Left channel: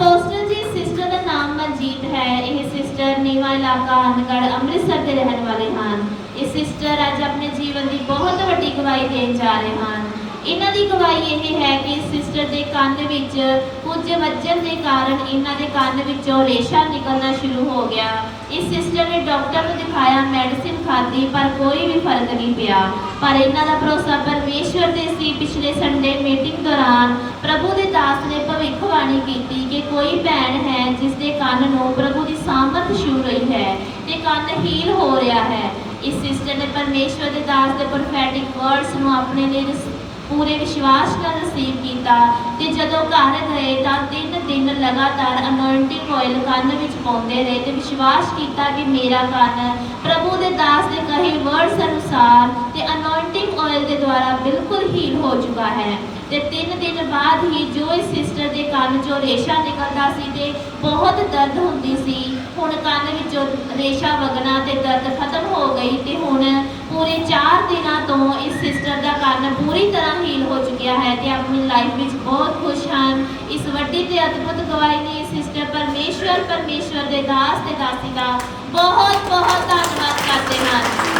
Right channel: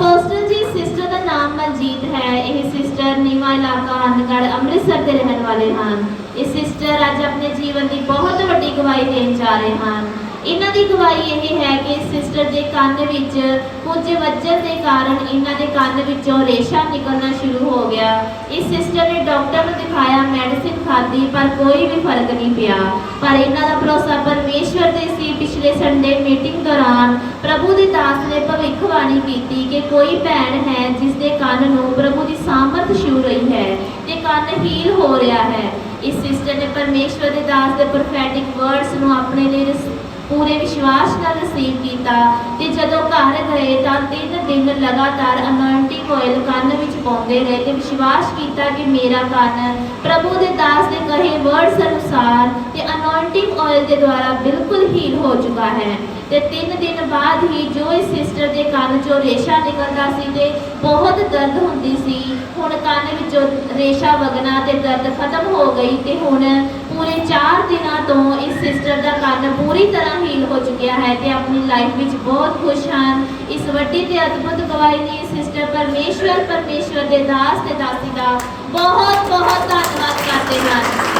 Apostle ਜੀ sister ਦਾ ਨਾਮ ਮਨਜੀਤ ਹੈ। ਇਹ ਸਿਸਟਰ ਨੀਵਾ ਇਲਾਕਾ ਅਨਗੜ ਅੰਮ੍ਰਿਤਸਰ ਦੇ ਰਹਿਣ ਵਾਲੇ ਹਨ। ਇਹ ਸਿਸਟਰ ਅੱਜ ਆਪਣੇ ਜੀਵਨ ਦੀ ਬਹੁਤ ਵੱਡੀ ਗਵਾਹੀ ਦੇਣ ਜਾ ਰਹੇ ਹਨ। ਇਹਨਾਂ ਦੀ ਗਵਾਹੀ ਇਹ ਹੈ ਕਿ ਇਸ ਸਿਸਟਰ ਦੇ ਕੰਨ ਵਿੱਚ ਕੁਝ ਵੱਜਣ ਦੇ ਕਾਰਨ ਇਹਨਾਂ ਦੇ ਕੰਨ ਵਿੱਚੋਂ ਰੇਸ਼ਾ ਨਿਕਲਣਾ ਸ਼ੁਰੂ ਹੋ ਗਿਆ। ਇਸ ਸਿਸਟਰ ਨੇ ਡਾਕਟਰ ਨੂੰ ਦਿਖਾਇਆ ਮੈਡੀਸਿਨ ਖਾਧੀ, ਪਰ ਕੋਈ ਵੀ ਫ਼ਰਕ ਨਹੀਂ ਪਿਆ। ਪਰ ਇਹਨਾਂ ਦਾ ਭਰੋਸਾ ਪਰਮੇਸ਼ਵਰ ਤੇ ਸੀ। ਪਿਛਲੇ ਸੰਡੇ ਮੀਟਿੰਗ ਦੌਰਾਨ ਭਵਿੱਖਬਾਣੀ ਕੀਤੀ ਕਿ ਕੋਈ ਭੈਣ ਹੈ ਜਿਸ ਦੇ ਕੰਨ ਨੂੰ ਪ੍ਰਭੂ ਦੀ ਸਾਮਰਥ ਛੂ ਰਹੀ ਹੈ ਤੇ ਕੰਨ ਹੀਲ ਹੋ ਰਿਹਾ ਹੈ। ਇਸ ਸਿਸਟਰ ਨੇ ਪਰਮੇਸ਼ਵਰ ਦੇ ਦਾਸ ਦੇ ਪ੍ਰੋਫੈਟਿਕ ਵਰਡਸ ਨੂੰ ਆਪਣੇ ਲਈ ਪੂਰੇ ਵਿਸ਼ਵਾਸ ਨਾਲ ਰਿਸੀਵ ਕੀਤਾ ਤੇ ਜਦੋਂ ਘਰ ਗਏ ਤਾਂ ਤਿੰਨ ਦਿਨ ਲਗਾਤਾਰ ਅਨੋਇੰਟਿੰਗ ਆਇਲ ਕੰਨ ਵਿੱਚ ਪਾਉਂਦੇ ਰਹੇ ਤੇ ਵਿਸ਼ਵਾਸ ਕੀਤਾ ਕਿ ਮੇਰਾ ਕੰਨ ਪ੍ਰਭੂ ਦੇ ਦਾਸ ਦੇ ਕਹੇ ਵਰਡਸ ਅਨੁਸਾਰ ਤੇ ਅਨੋਇੰਟਿੰਗ ਆਇਲ ਦੇ ਦੁਆਰਾ ਬਿਲਕੁਲ ਹੀਲ ਹੋ ਚੁੱਕਾ ਹੈ। ਤੇ ਤਿੰਨ ਦਿਨ ਬਾਅਦ ਹੀ ਦੇ ਕੰਨ ਚੋਂ ਰੇਸ਼ਾ ਨਿਕਲਦਾ ਸੀ ਤੇ ਬਹੁਤ ਦਰਦ ਹੁੰਦੀ ਸੀ। ਹੁਣ ਕੰਨ ਵਿੱਚੋਂ ਰੇਸ਼ਾ ਵਗਣਾ ਤੇ ਦਰਦ ਖਤਮ ਹੋ ਗਈ ਤੇ ਹੁਣ ਪੂਰੇ 4 ਦਿਨਾਂ ਤੋਂ ਇਸ ਸਿਸਟਰ ਦਾ ਕੰਨ ਪੂਰੀ ਤਰ੍ਹਾਂ ਹੀਲ ਹੋ ਚੁੱਕਿਆ ਹੈ ਤੇ ਆਪਣੀ ਲਾਈਫ ਵਿੱਚ ਬਹੁਤ ਖੁਸ਼ ਹਨ। ਇਸ ਵੱਡੀ ਤੇ ਅਦਭੁਤ ਗਵਾਹੀ ਨੇ ਸਿਸਟਰ ਪਰਮੇਸ਼ਵਰ ਪਰਮੇਸ਼ਵਰ ਦੇ ਦਾਸ ਤੇ ਦਾਸੀ ਦਾ ਬਹੁਤ ਬਹੁਤ ਧੰਨਵਾਦ ਕਰਦੇ ਹਨ।